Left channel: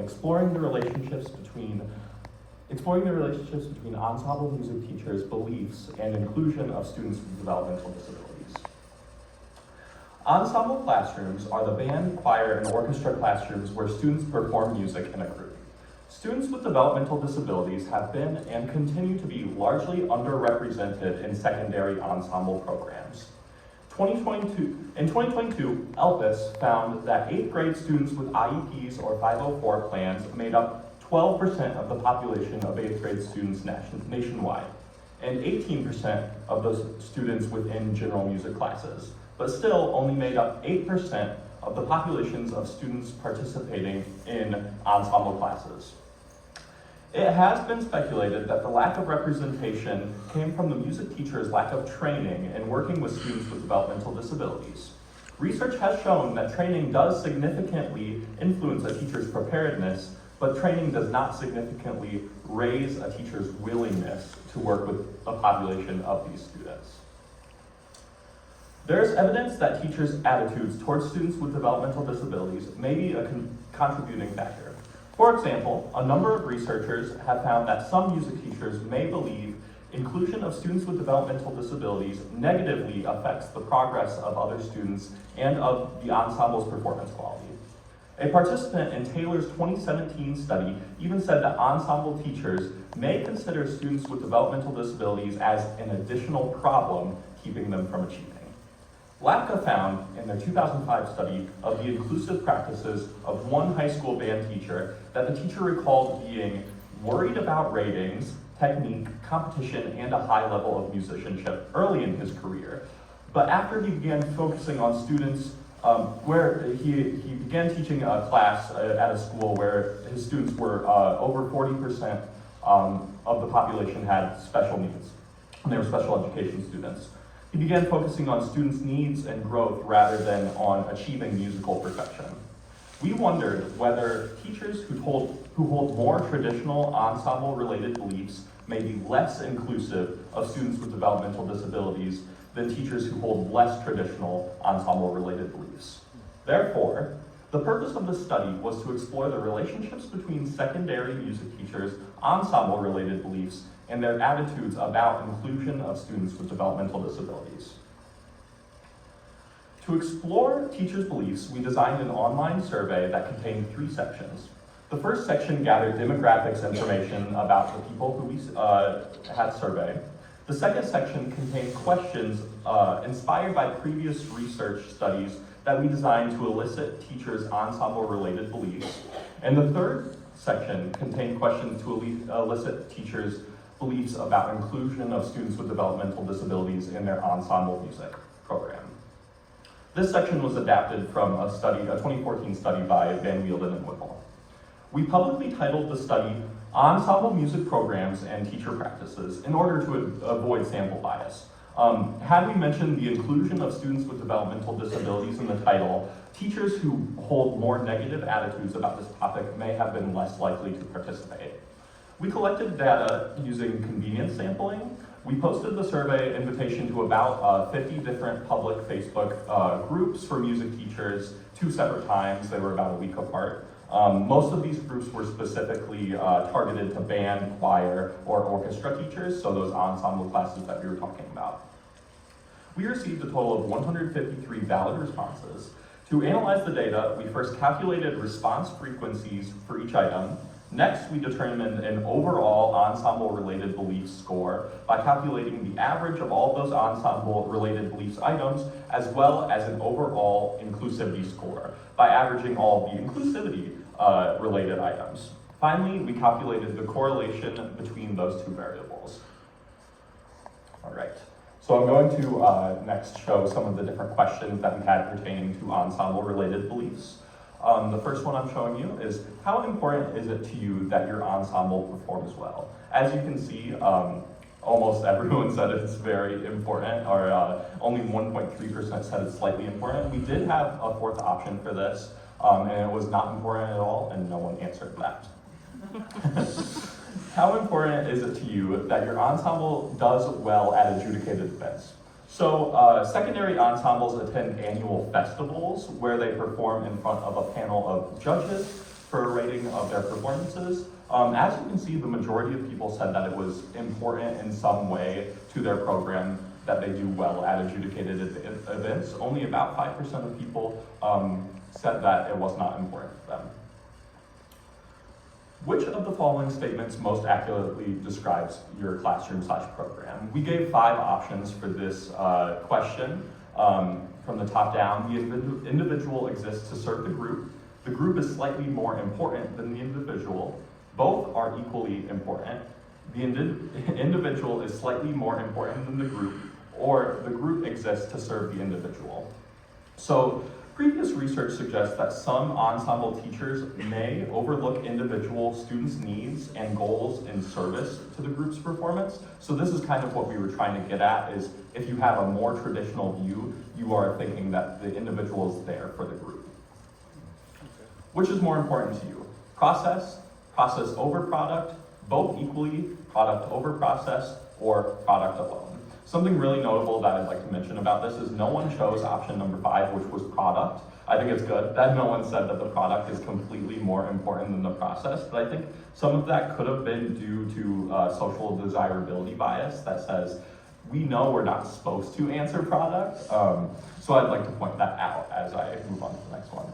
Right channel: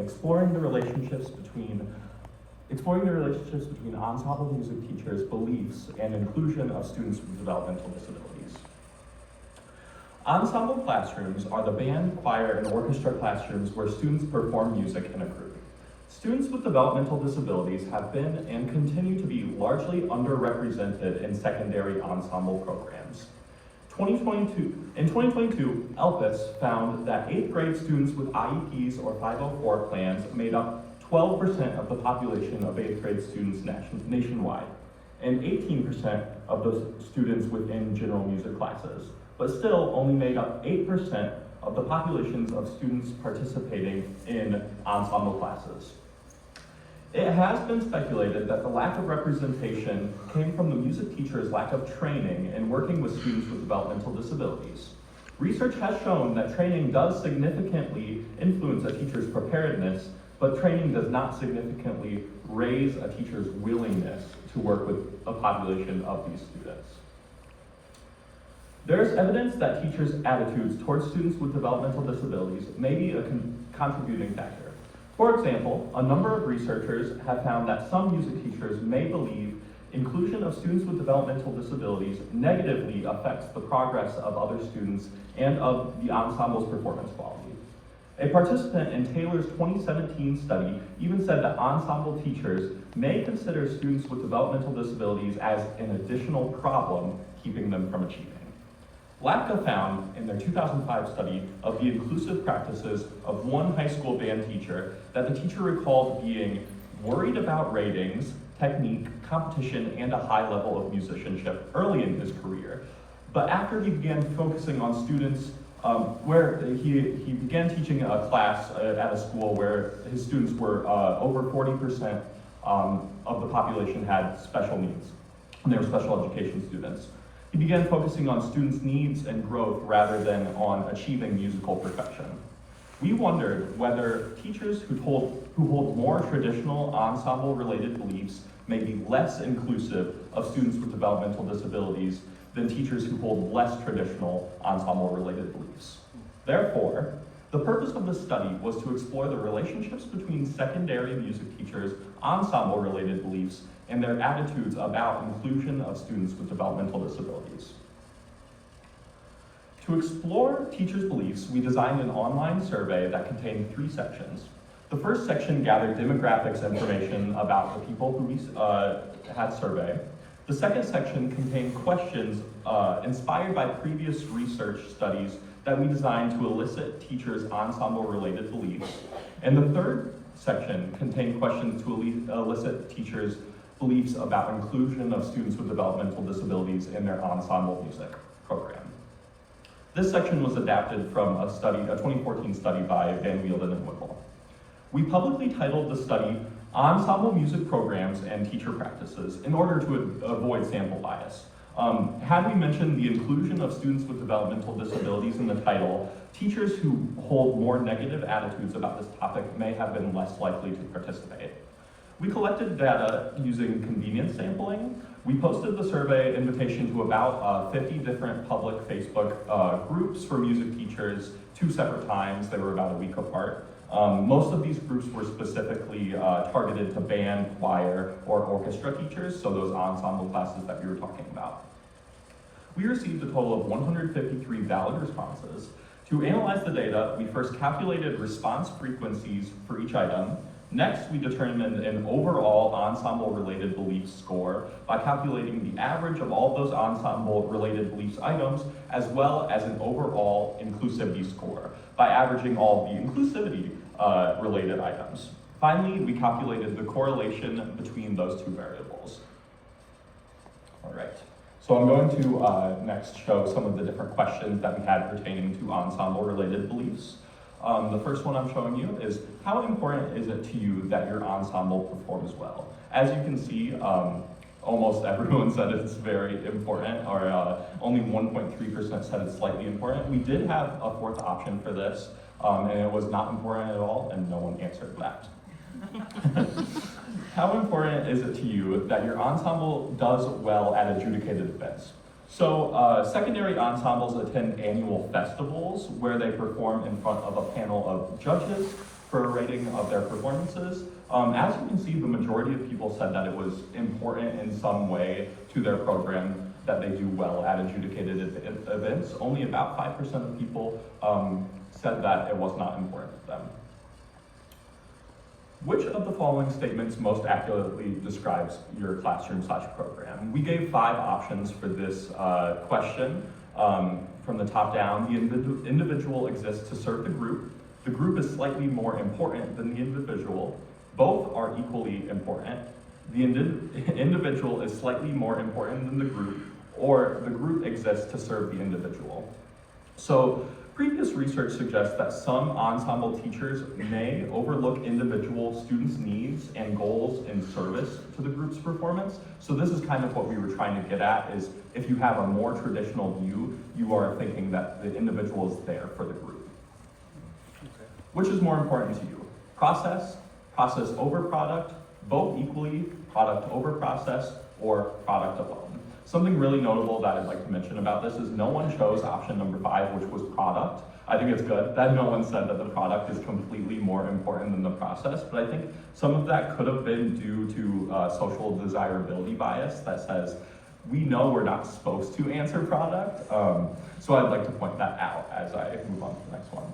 exploring the relationships between ensemble music teachers' beliefs and inclusion of students with developmental disabilities. Ensemble classrooms are the band, choir, and orchestra classrooms where students perform music in a group. Students with developmental disabilities have been and continue to be largely underrepresented in secondary ensemble programs. In 2022, ELPIS found that 8th grade students with IEPs or 504 plans made up 12% of the population of 8th grade students nationwide, and 18% of those students within general music classes, but still only made up 8% of the populations of students participating in ensemble classes. It has been speculated that the lack of representation came from the music teacher's lack of training in working with students with developmental disabilities. Research has shown that training does significantly influence a teacher's preparedness, but training does not significantly raise a teacher's willingness to work with a population of these students. There's evidence that teachers' attitudes towards students with developmental disabilities may be a contributing factor. For example, a number of researchers have found that some music teachers may believe inclusion of students with developmental disabilities negatively affects the progress of other students and of the ensemble's performance quality. A participant in Taylor's 2017 study even said that ensemble teachers may consider students with developmental disabilities as an additional problem keeping them from achieving. LACA found in their 2005 study of the inclusive practices of one high school band teacher that the teacher recalled being worried about ratings, technique, competition, and a high level of musicianship early in his career. But after he began focusing on students where he began teaching a class at a school where his students were over 40% of the population had special needs, and they were special education students. He began focusing on students' needs and growth rather than on achieving musical perfection. We wondered whether teachers who hold more traditional ensemble-related beliefs may be less inclusive of students with developmental disabilities than teachers who hold less traditional ensemble-related beliefs. Therefore, the purpose of this study was to explore the relationships between secondary music teachers' ensemble-related beliefs and their attitudes about inclusion of students with developmental disabilities. To explore teachers' beliefs, we designed an online survey that contained 3 sections. The first section gathered demographics information about the people who we had surveyed. The second section contained questions inspired by previous research studies that we designed to elicit teachers' ensemble-related beliefs. And the third section contained questions to elicit teachers' beliefs about inclusion of students with developmental disabilities in their ensemble music program. This section was adapted from a 2014 study by Van Wielden and Whipple. We publicly titled the study Ensemble Music Programs and Teacher Practices in order to avoid sample bias. Had we mentioned the inclusion of students with developmental disabilities in the title, teachers who hold more negative attitudes about this topic may have been less likely to participate. We collected data using convenience sampling. We posted the survey invitation to about 50 different public Facebook groups for music teachers 2 separate times. They were about a week apart. Most of these groups were specifically targeted to band, choir, or orchestra teachers, so those ensemble classes that we were talking about. We received a total of 153 valid responses. To analyze the data, we first calculated response frequencies for each item. Next, we determined an overall ensemble-related beliefs score by calculating the average of all those ensemble-related beliefs items, as well as an overall inclusivity score by averaging all of the inclusivity-related items. Finally, we calculated the correlation between those 2 variables. All right, so I'm going to next show some of the different questions that we had pertaining to ensemble-related beliefs. The first one I'm showing you is, how important is it to you that your ensemble performs well? As you can see, almost everyone said it's very important, or only 1.3% said it's slightly important. We did have a 4th option for this, and it was not important at all, and no one answered that. How important is it to you that your ensemble does well at adjudicated events? So secondary ensembles attend annual festivals where they perform in front of a panel of judges. for a rating of their performances. As you can see, the majority of people said that it was important in some way to their program that they do well at adjudicated events. Only about 5% of people said that it was not important to them. Which of the following statements most accurately describes your classroom/program? We gave 5 options for this question. From the top down, the individual exists to serve the group. The group is slightly more important than the individual. Both are equally important. The individual is slightly more important than the group, or the group exists to serve the individual. So previous research suggests that some ensemble teachers may overlook individual students' needs and goals in service to the group's performance. So this is kind of what we were trying to get at, is if you have a more traditional view, you are thinking that the individual is there for the group. Which is more important to you? Process over product, both equally, product over process, or product alone? Something really notable that I'd like to mention about this is no one chose option number 5, which was product. I think it's good that no one said that the product is completely more important than the process, but I think some of that could have been due to social desirability bias that says, we know we're not supposed to answer product, so I'd like to point that out as I move on to the next one.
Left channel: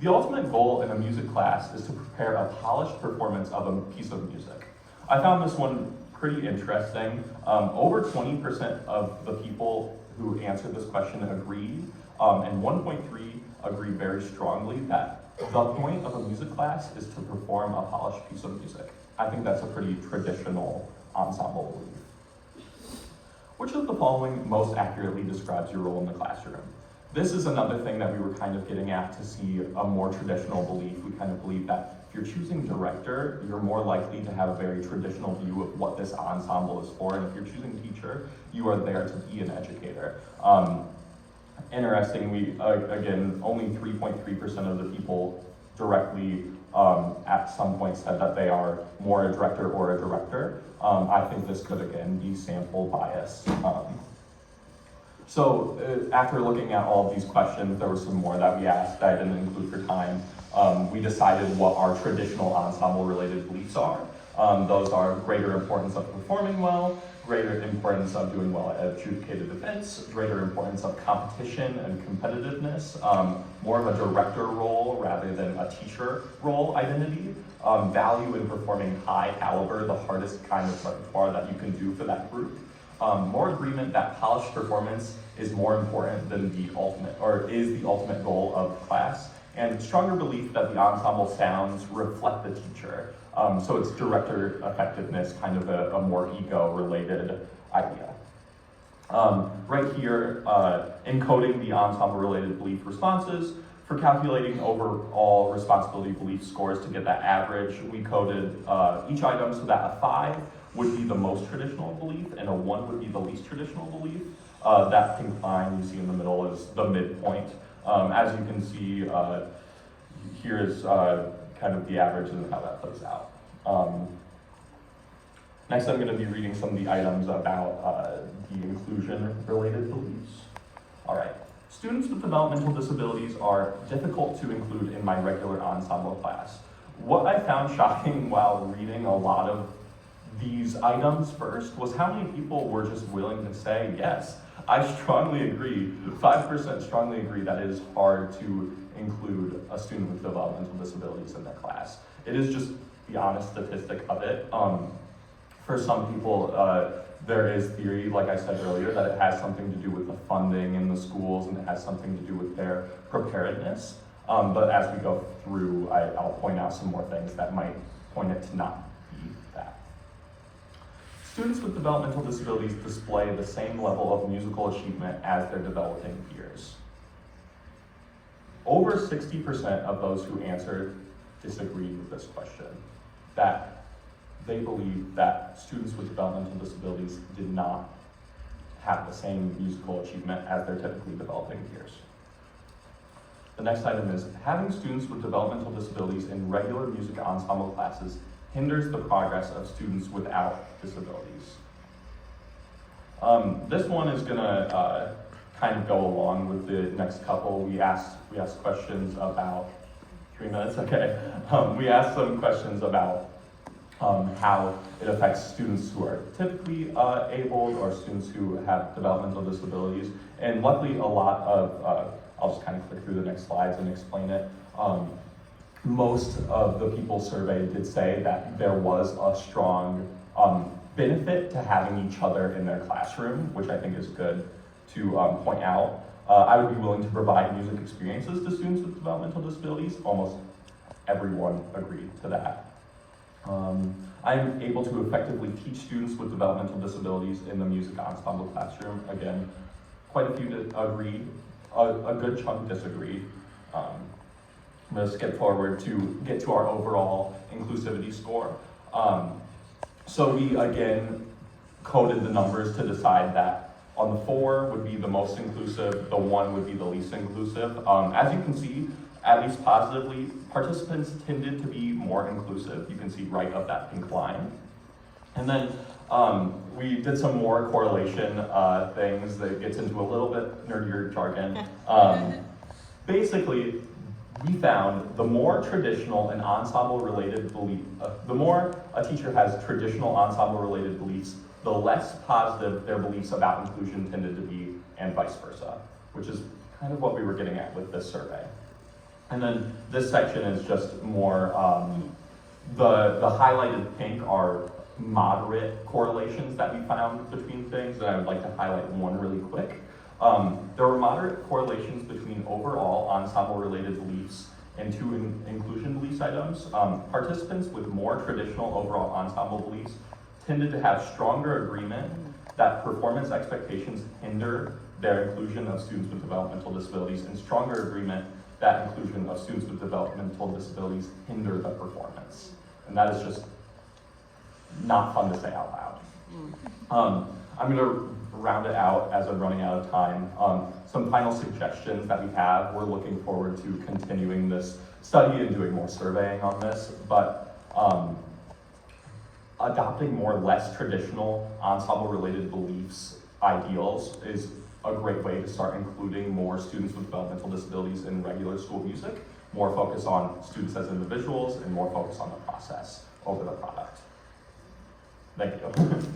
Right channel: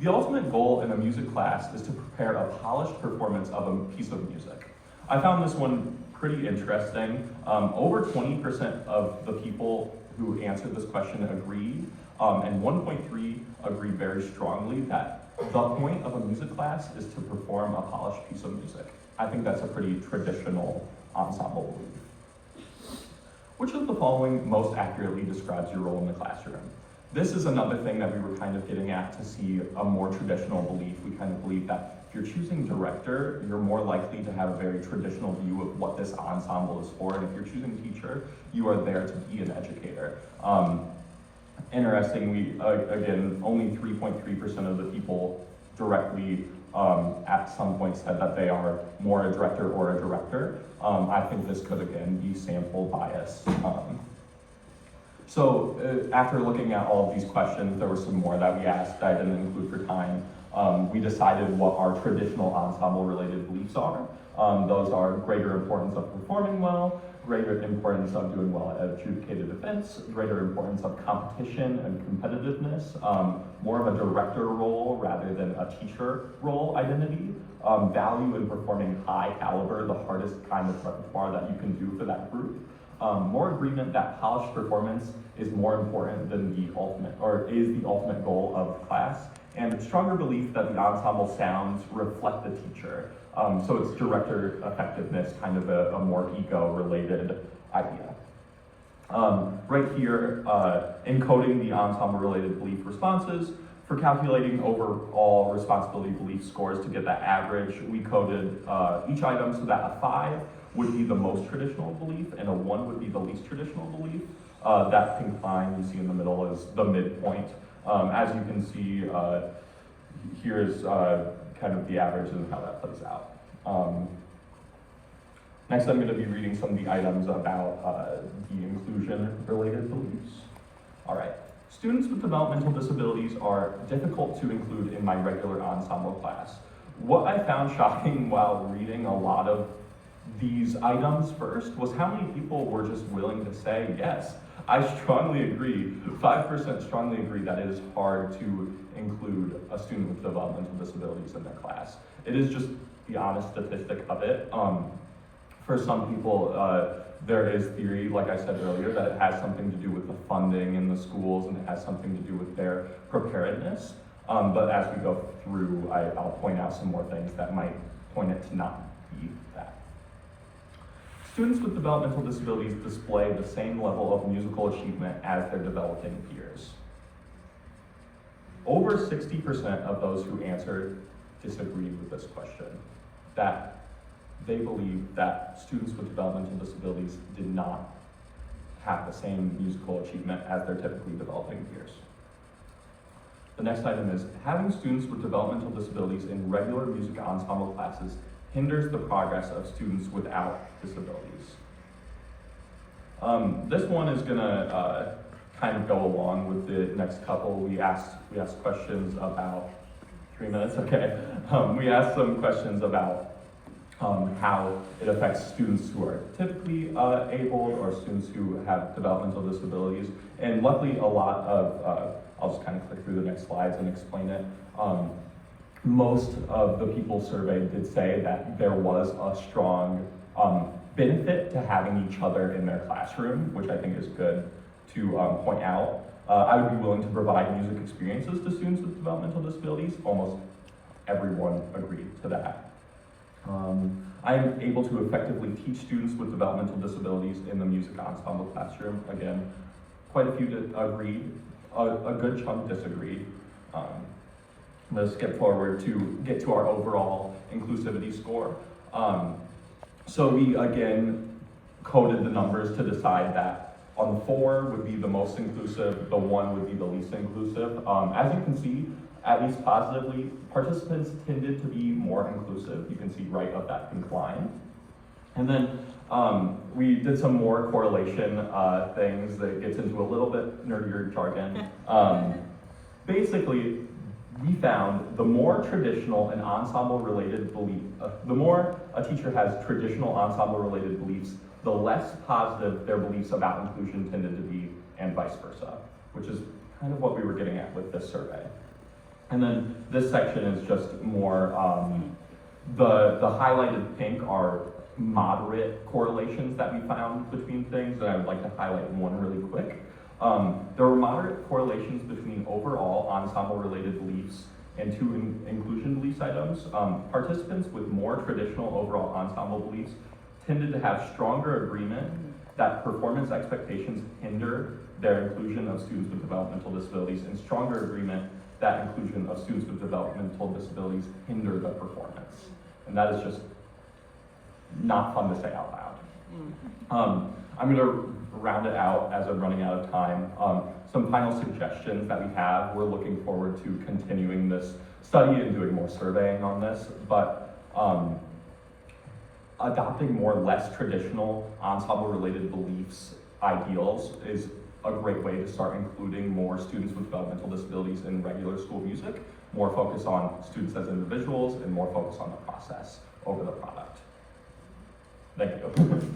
The ultimate goal in a music class is to prepare a polished performance of a piece of music. I found this one pretty interesting. Over 20% of the people who answered this question agreed, and 1.3 agreed very strongly that the point of a music class is to perform a polished piece of music. I think that's a pretty traditional ensemble belief. Which of the following most accurately describes your role in the classroom? This is another thing that we were kind of getting at to see a more traditional belief. We kind of believe that if you're choosing director, you're more likely to have a very traditional view of what this ensemble is for, and if you're choosing teacher, you are there to be an educator. Interestingly, again, only 3.3% of the people directly at some point said that they are more a director or a director. I think this could again be sample bias. So after looking at all of these questions, there were some more that we asked that I didn't include for time. We decided what our traditional ensemble related beliefs are. Those are greater importance of performing well, greater importance of doing well at adjudicated events, greater importance of competition and competitiveness, more of a director role rather than a teacher role identity, value in performing high caliber, the hardest kind of repertoire that you can do for that group. More agreement that polished performance is more important than the ultimate, or is the ultimate goal of class, and stronger belief that the ensemble sounds reflect the teacher. So it's director effectiveness, kind of a more ego-related idea. Right here, encoding the ensemble-related belief responses. For calculating overall responsibility belief scores to get that average, we coded each item so that a 5 would be the most traditional belief and a 1 would be the least traditional belief. That pink line you see in the middle is the midpoint. As you can see, here's kind of the average and how that plays out. Next, I'm going to be reading some of the items about the inclusion-related beliefs. All right. Students with developmental disabilities are difficult to include in my regular ensemble class. What I found shocking while reading a lot of these items first was how many people were just willing to say, yes, I strongly agree, 5% strongly agree that it is hard to include a student with developmental disabilities in their class. It is just the honest statistic of it. For some people, there is theory, like I said earlier, that it has something to do with the funding in the schools and it has something to do with their preparedness. But as we go through, I'll point out some more things that might point it to not be that. Students with developmental disabilities display the same level of musical achievement as their developing peers. Over 60% of those who answered disagreed with this question, that they believe that students with developmental disabilities did not have the same musical achievement as their typically developing peers. The next item is, having students with developmental disabilities in regular music ensemble classes hinders the progress of students without disabilities. This one is gonna kind of go along with the next couple. We asked questions about, 3 minutes, okay. We asked some questions about how it affects students who are typically abled or students who have developmental disabilities. And luckily a lot of, I'll just kind of click through the next slides and explain it. Most of the people surveyed did say that there was a strong benefit to having each other in their classroom, which I think is good to point out. I would be willing to provide music experiences to students with developmental disabilities. Almost everyone agreed to that. I'm able to effectively teach students with developmental disabilities in the music ensemble classroom. Again, quite a few agreed, a good chunk disagreed. I'm going to skip forward to get to our overall inclusivity score. So we again coded the numbers to decide that on the 4 would be the most inclusive, the 1 would be the least inclusive. As you can see, at least positively, participants tended to be more inclusive. You can see right up that pink line. And then we did some more correlation things that gets into a little bit nerdier jargon. Basically, we found the more traditional and ensemble related belief, the more a teacher has traditional ensemble related beliefs, the less positive their beliefs about inclusion tended to be, and vice versa, which is kind of what we were getting at with this survey. And then this section is just more, the highlighted pink are moderate correlations that we found between things, and I would like to highlight one really quick. There were moderate correlations between overall ensemble-related beliefs and 2 inclusion beliefs items. Participants with more traditional overall ensemble beliefs tended to have stronger agreement that performance expectations hinder their inclusion of students with developmental disabilities, and stronger agreement that inclusion of students with developmental disabilities hinder the performance. And that is just not fun to say out loud. I'm going to round it out as I'm running out of time. Some final suggestions that we have. We're looking forward to continuing this study and doing more surveying on this, but adopting more less traditional ensemble-related beliefs ideals is a great way to start including more students with developmental disabilities in regular school music, more focus on students as individuals, and more focus on the process over the product. Thank you.